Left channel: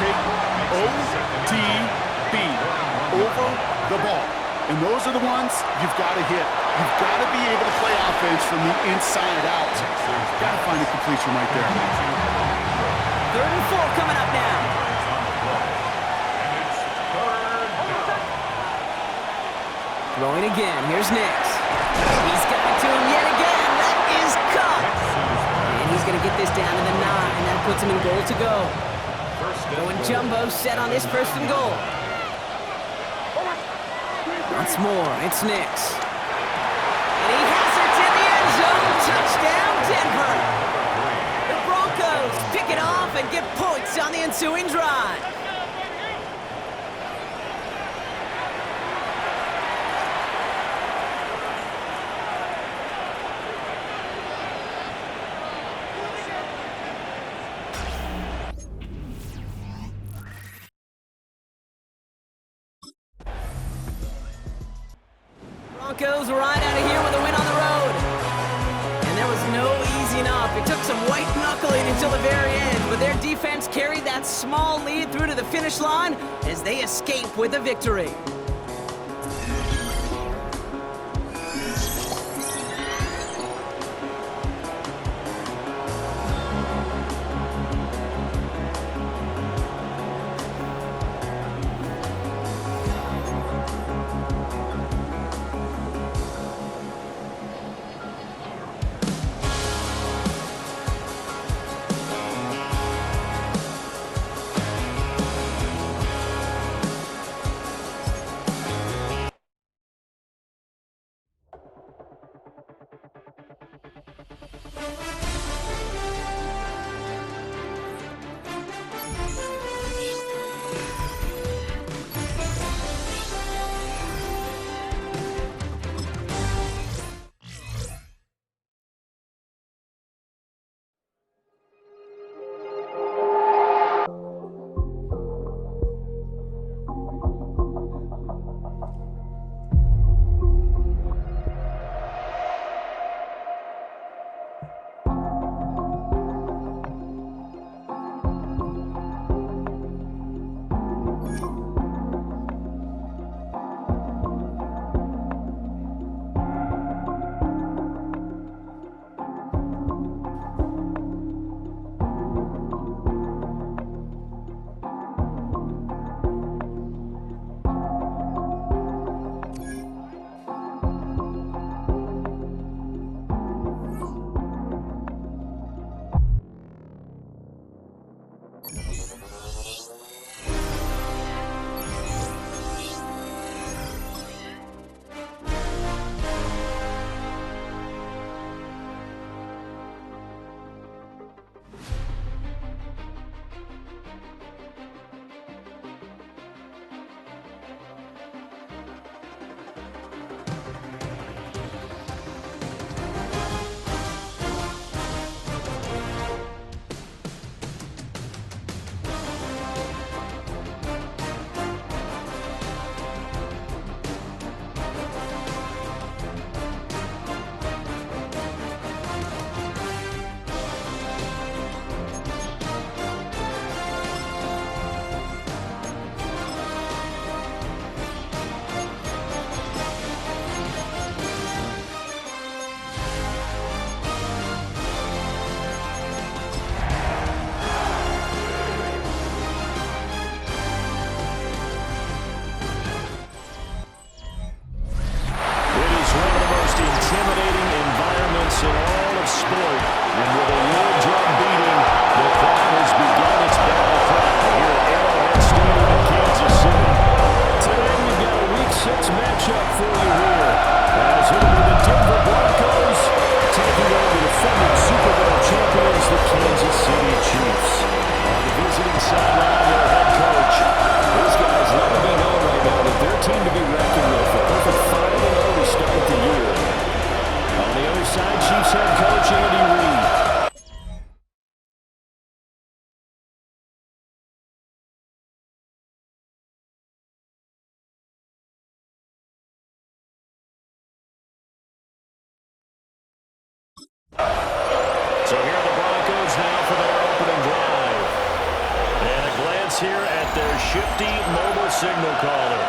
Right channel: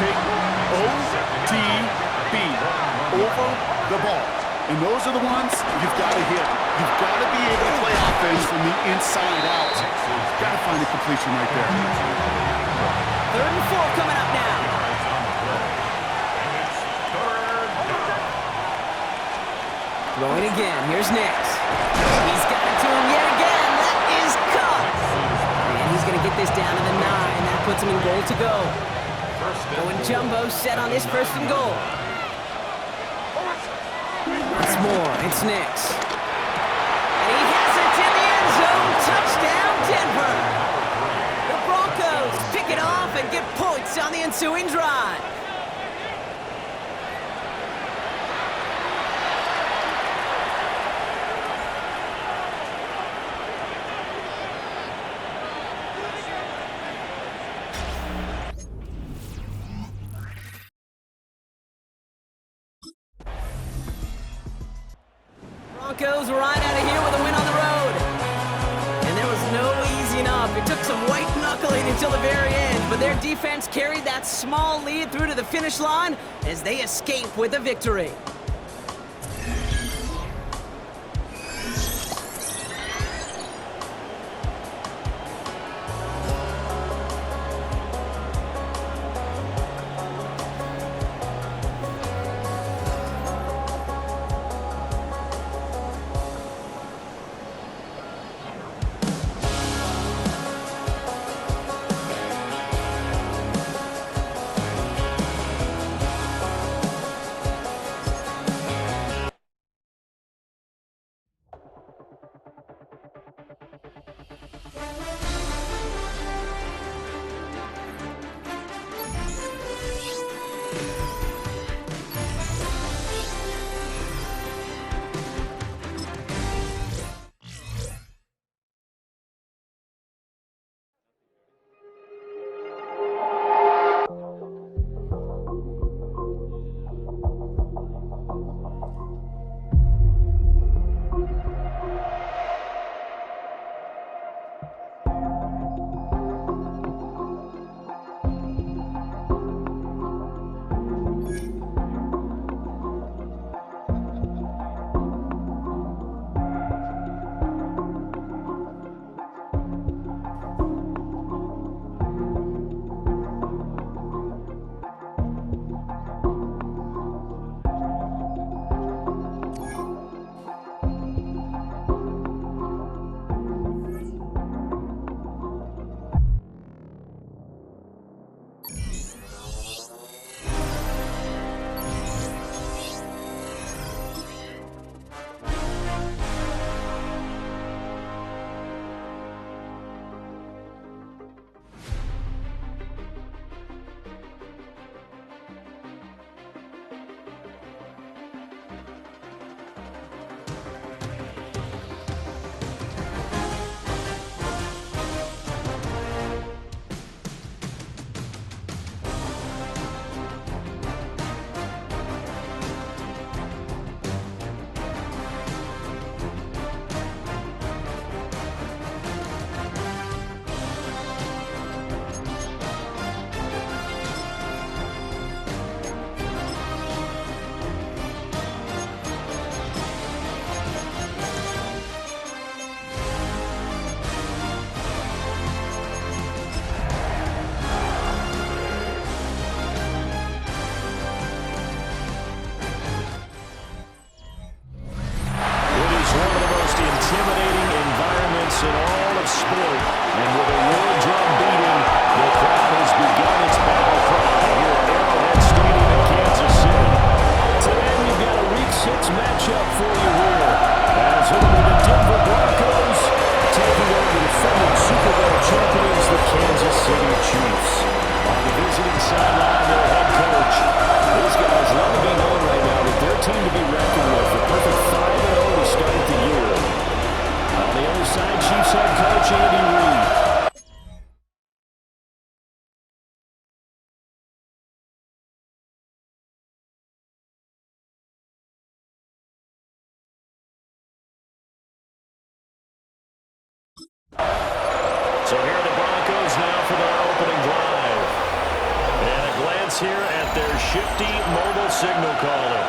okay? OTB, over the ball. And those are the ones you've got to hit. You've got to be able to play offense from the inside out. Got to find a completion right there. 3rd and 4 coming up now. Throwing again. Here's Nix. He's got it to him yet again. That is caught. And he's going to get this down to the 9. That puts him in goal to go. Going jumbo set on this 1st and goal. Once more, it's Nix. And he has it in the end zone. Touchdown, Denver. The Broncos pick it off and get points on the ensuing drive. Broncos right out of here with a win on the road. And there was no easing up. It took some white knuckling until the very end, but their defense carried that small lead through to the finish line as they escape with a victory. in all of sport. And with a war drum beating, the crowd has begun its battle cry here at Arrowhead Stadium in Kansas City. Today we've got a Week 6 matchup for you here, as it'll be the Denver Broncos taking on the defending Super Bowl champions, the Kansas City Chiefs. On the visiting sideline, their head coach. These guys let it be known right now that they're a team to be reckoned with. A perfect 5-0 to start the year. On the other side, Chiefs head coach Andy Reid. So here are the Broncos now for their opening drive. And a glance here at their shifty mobile signal caller.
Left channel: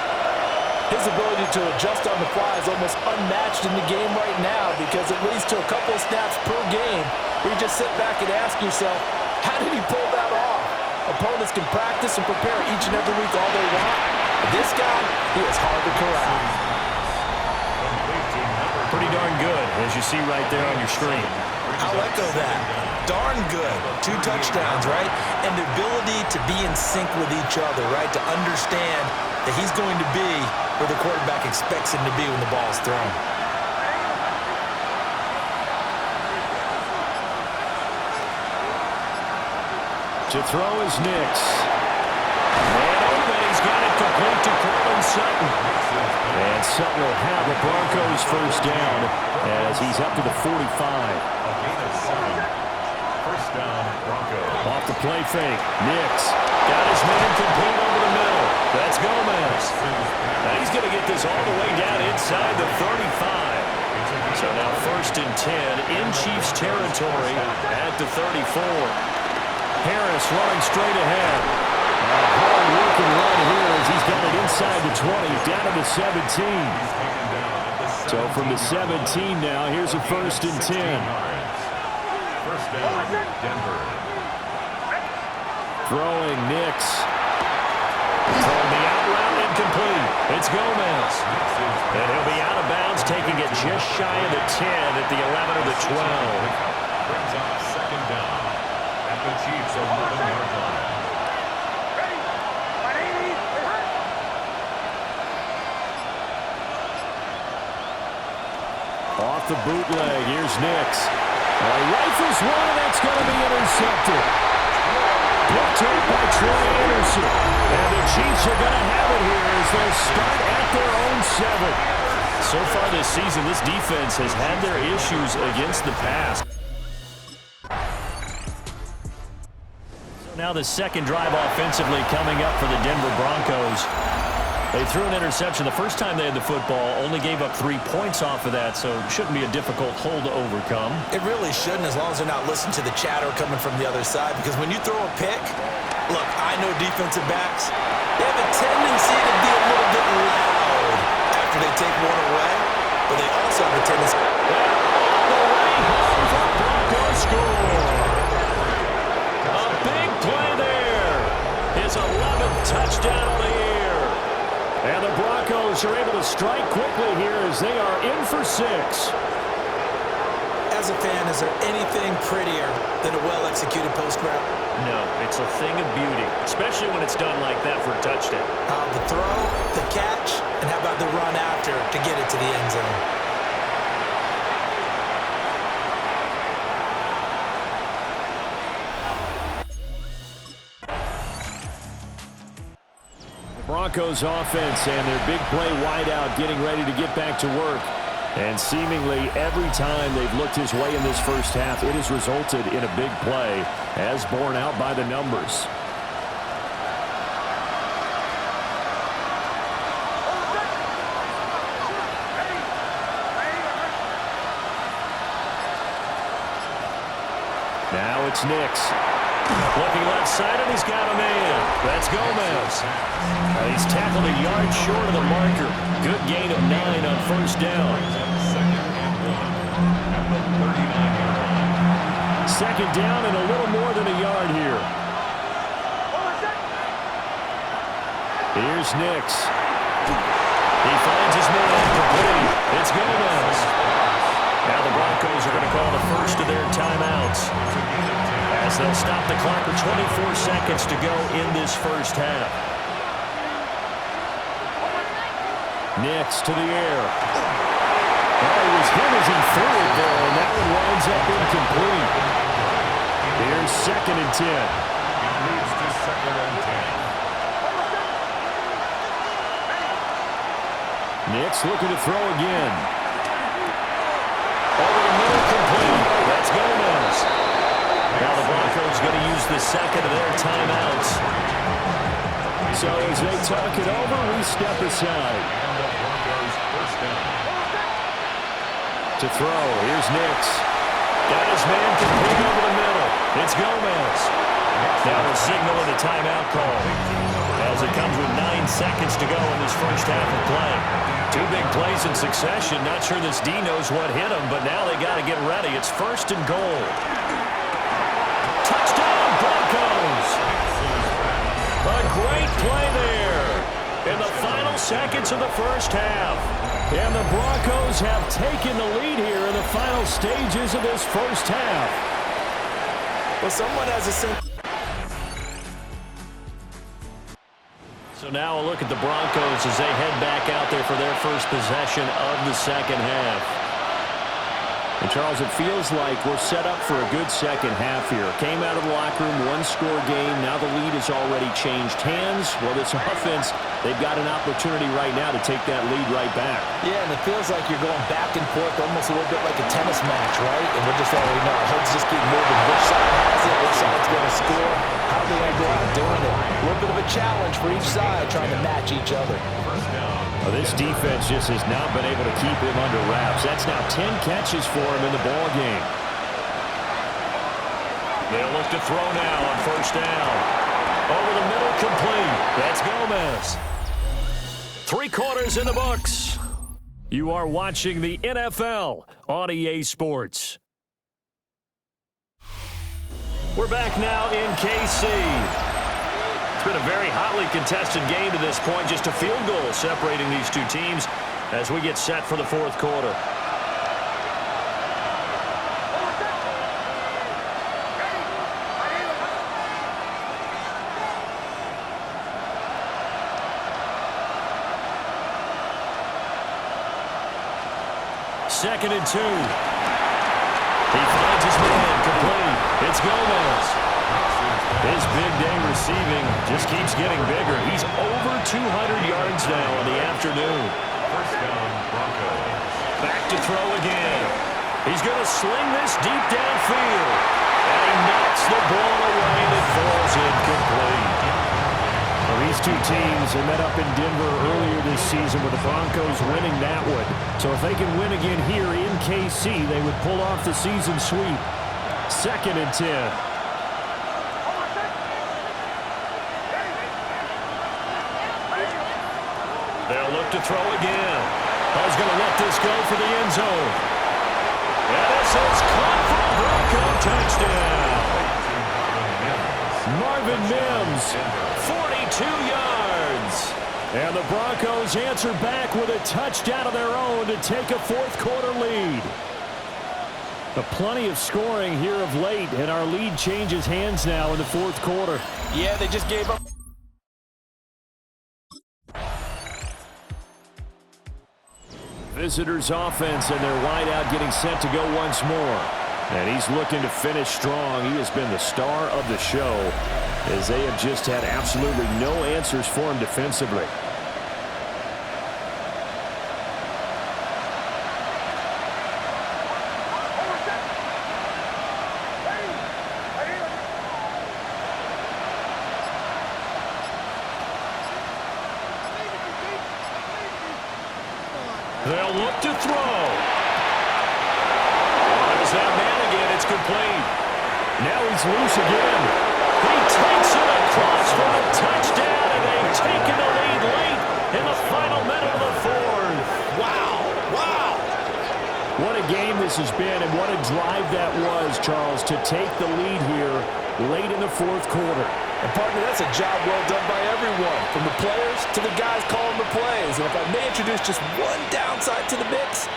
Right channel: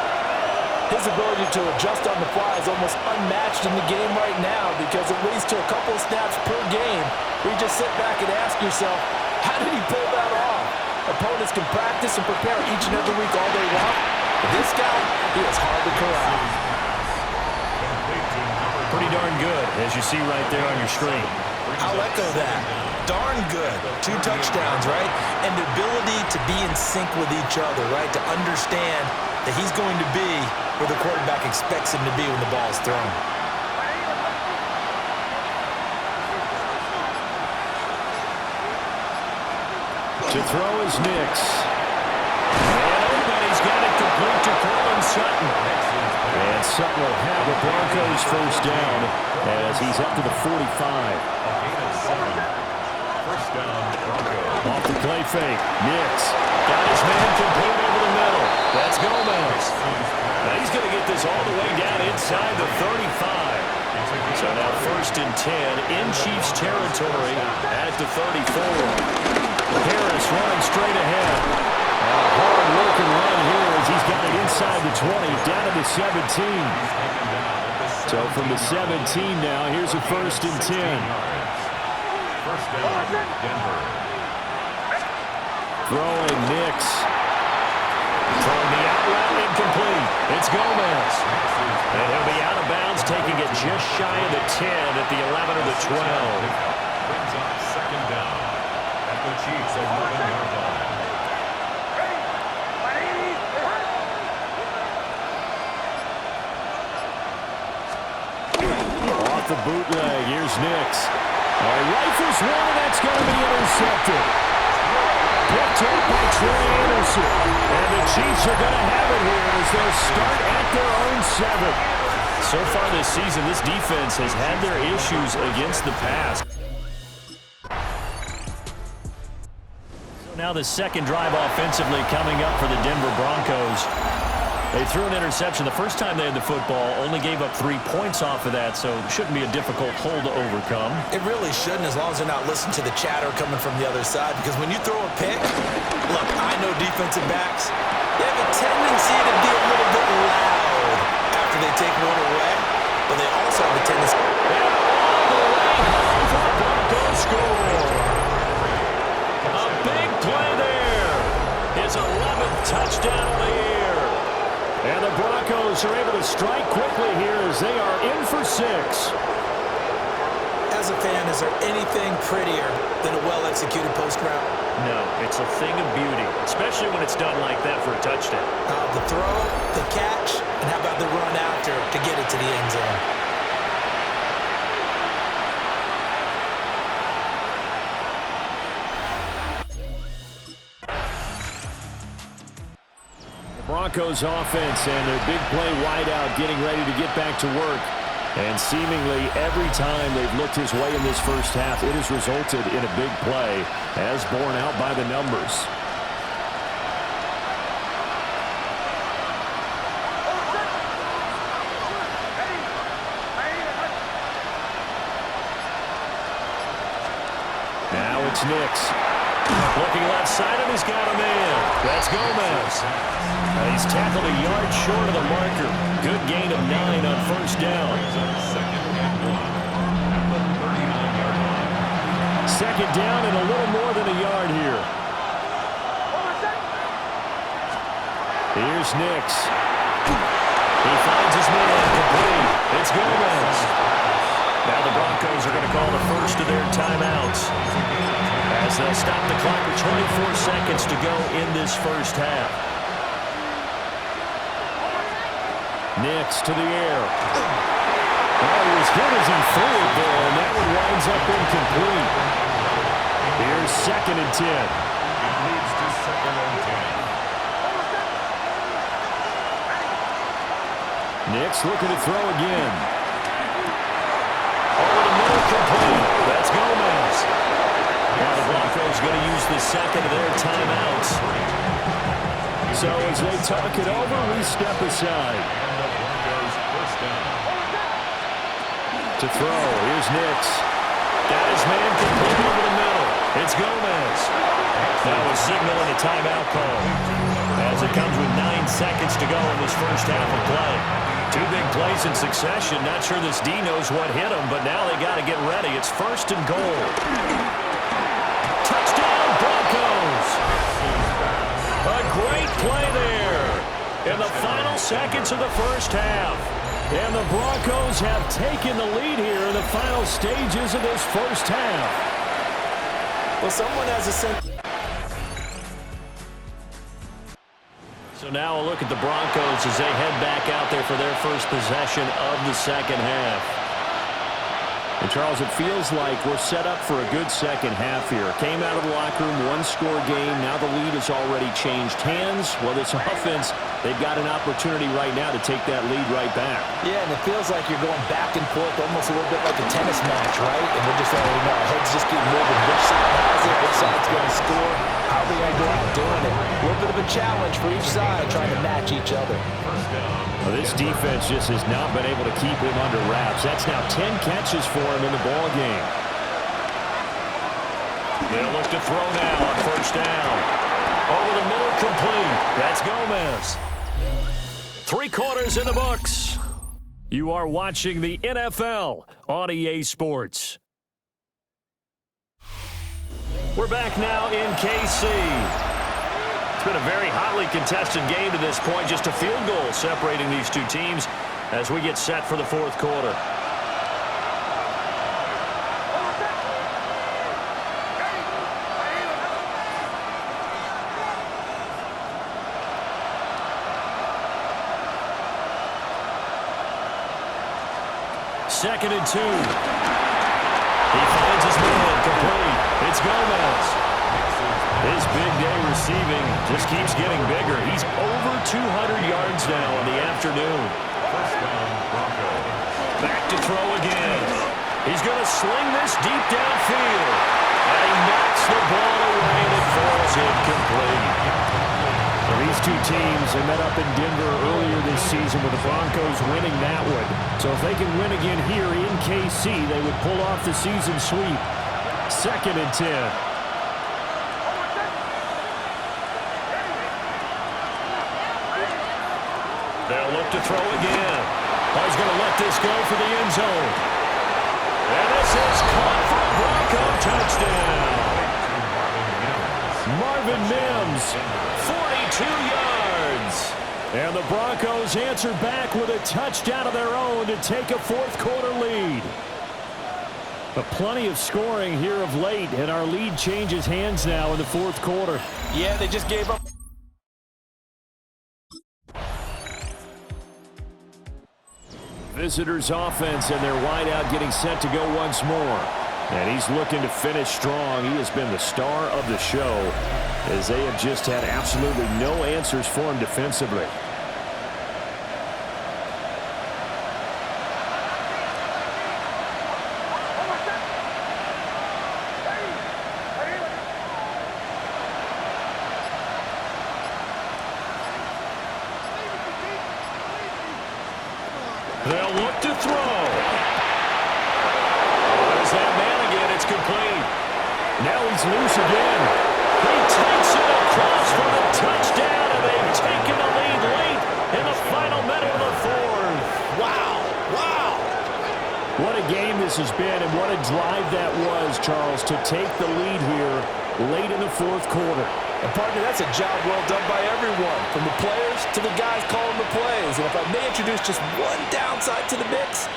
His ability to adjust on the fly is almost unmatched in the game right now because it leads to a couple of snaps per game where you just sit back and ask yourself, how did he pull that off? Opponents can practice and prepare each and every week all they want. But this guy, he is hard to corral. Pretty darn good, as you see right there on your screen. I'll echo that. Darn good. 2 touchdowns, right? And the ability to be in sync with each other, right? To understand that he's going to be where the quarterback expects him to be when the ball is thrown. To throw is Nix. And open, he's got it complete to Courtland Sutton. And Sutton will have the Broncos first down as he's up to the 45. First down, Broncos. Off the play fake, Nix got his man complete over the middle. That's Gomez. Now he's going to get this all the way down inside the 35. So now 1st and 10 in Chiefs territory at the 34. Harris running straight ahead. And a hard-working run here as he's got it inside the 20, down to the 17. So from the 17 now, here's a 1st and 10. First down, Denver. Throwing Nix. Throwing the out route incomplete. It's Gomez. And he'll be out of bounds, taking it just shy of the 10 at the 11 or the 12. Brings up 2nd down at the Chiefs' 11-yard line. Off the bootleg, here's Nix. He rifles one, and that's going to be intercepted. Picked up by Troy Anderson. And the Chiefs are going to have it here as they'll start at their own 7. So far this season, this defense has had their issues against the pass. So now the second drive offensively coming up for the Denver Broncos. They threw an interception the first time they had the football, only gave up 3 points off of that, so it shouldn't be a difficult hole to overcome. It really shouldn't, as long as they're not listening to the chatter coming from the other side, because when you throw a pick, look, I know defensive backs, they have a tendency to be a little bit loud after they take one away, but they also have a tendency. And all the way home for a Broncos score. A big play there. His 11th touchdown on the year. And the Broncos are able to strike quickly here as they are in for 6. As a fan, is there anything prettier than a well-executed post route? No, it's a thing of beauty, especially when it's done like that for a touchdown. The throw, the catch, and how about the run after to get it to the end zone? Broncos offense and their big play wideout getting ready to get back to work. And seemingly every time they've looked his way in this first half, it has resulted in a big play as borne out by the numbers. Now it's Nix. Looking left side, and he's got a man. That's Gomez. He's tackled a yard short of the marker. Good gain of 9 on 1st down. 2nd down and a little more than a yard here. Here's Nix. He finds his man complete. It's Gomez. Now the Broncos are going to call the first of their timeouts as they'll stop the clock with 24 seconds to go in this first half. Nix to the air. Oh, he was hit as he threw it there, and that one winds up incomplete. Here's 2nd and 10. It leads to 2nd and 10. Nix looking to throw again. Over the middle, complete. That's Gomez. Now the Broncos going to use the second of their timeouts. So as they talk it over, we step aside. To throw, here's Nix. Got his man complete over the middle. It's Gomez. Now a signal and a timeout call as it comes with 9 seconds to go in this first half of play. 2 big plays in succession. Not sure this D knows what hit him, but now they got to get ready. It's first and goal. Touchdown, Broncos! A great play there in the final seconds of the first half. And the Broncos have taken the lead here in the final stages of this first half. Well, someone has a sense. So now a look at the Broncos as they head back out there for their first possession of the second half. And, Charles, it feels like we're set up for a good second half here. Came out of the locker room, one-score game. Now the lead has already changed hands. Well, this offense, they've got an opportunity right now to take that lead right back. Yeah, and it feels like you're going back and forth almost a little bit like a tennis match, right? And we're just already know our heads just keep moving. Which side has it? Which side's going to score? How are they going to go out doing it? A little bit of a challenge for each side trying to match each other. Well, this defense just has not been able to keep him under wraps. That's now 10 catches for him in the ball game. They'll look to throw now on first down. Over the middle, complete. That's Gomez. 3 quarters in the books. You are watching the NFL on EA Sports. We're back now in KC. It's been a very hotly contested game to this point. Just a field goal separating these two teams as we get set for the fourth quarter. Second and 2. He finds his man, complete. It's Gomez. His big day receiving just keeps getting bigger. He's over 200 yards now in the afternoon. First down, Broncos. Back to throw again. He's going to sling this deep downfield. And he knocks the ball away, and it falls incomplete. Well, these two teams have met up in Denver earlier this season with the Broncos winning that one. So if they can win again here in KC, they would pull off the season sweep. Second and 10. They'll look to throw again. Oh, he's going to let this go for the end zone. And this is caught for a Bronco touchdown. Marvin Mims, 42 yards. And the Broncos answer back with a touchdown of their own to take a fourth quarter lead. But plenty of scoring here of late, and our lead changes hands now in the fourth quarter. Yeah, they just gave up. Visitors offense and their wideout getting set to go once more. And he's looking to finish strong. He has been the star of the show as they have just had absolutely no answers for him defensively. They'll look to throw. There's that man again. It's complete. Now he's loose again. He takes it across for the touchdown, and they've taken the lead late in the final minute of the fourth. Wow. Wow. What a game this has been, and what a drive that was, Charles, to take the lead here late in the fourth quarter. And, partner, that's a job well done by everyone, from the players to the guys calling the plays. And if I may introduce just one downside to the mix,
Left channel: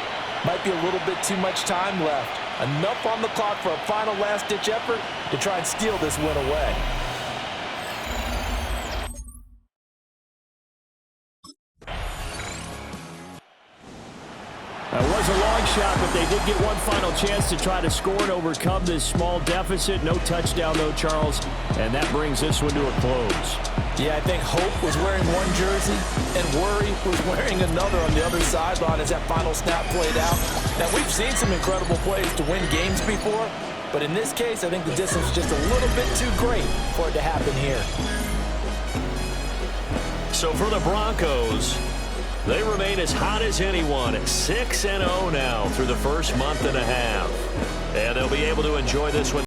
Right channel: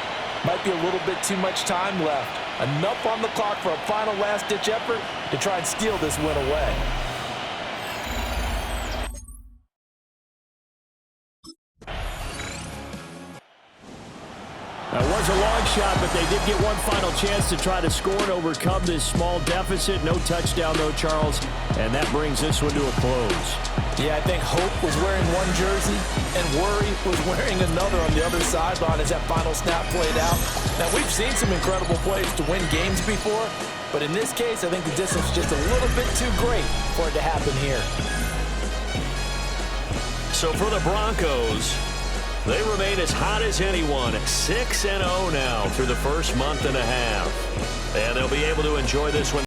might be a little bit too much time left. Enough on the clock for a final last-ditch effort to try and steal this win away. It was a long shot, but they did get one final chance to try to score and overcome this small deficit. No touchdown, though, Charles, and that brings this one to a close. Yeah, I think Hope was wearing one jersey and Worry was wearing another on the other sideline as that final snap played out. Now, we've seen some incredible plays to win games before, but in this case, I think the distance is just a little bit too great for it to happen here. So for the Broncos, they remain as hot as anyone, 6-0 now through the first month and a half. And they'll be able to enjoy this one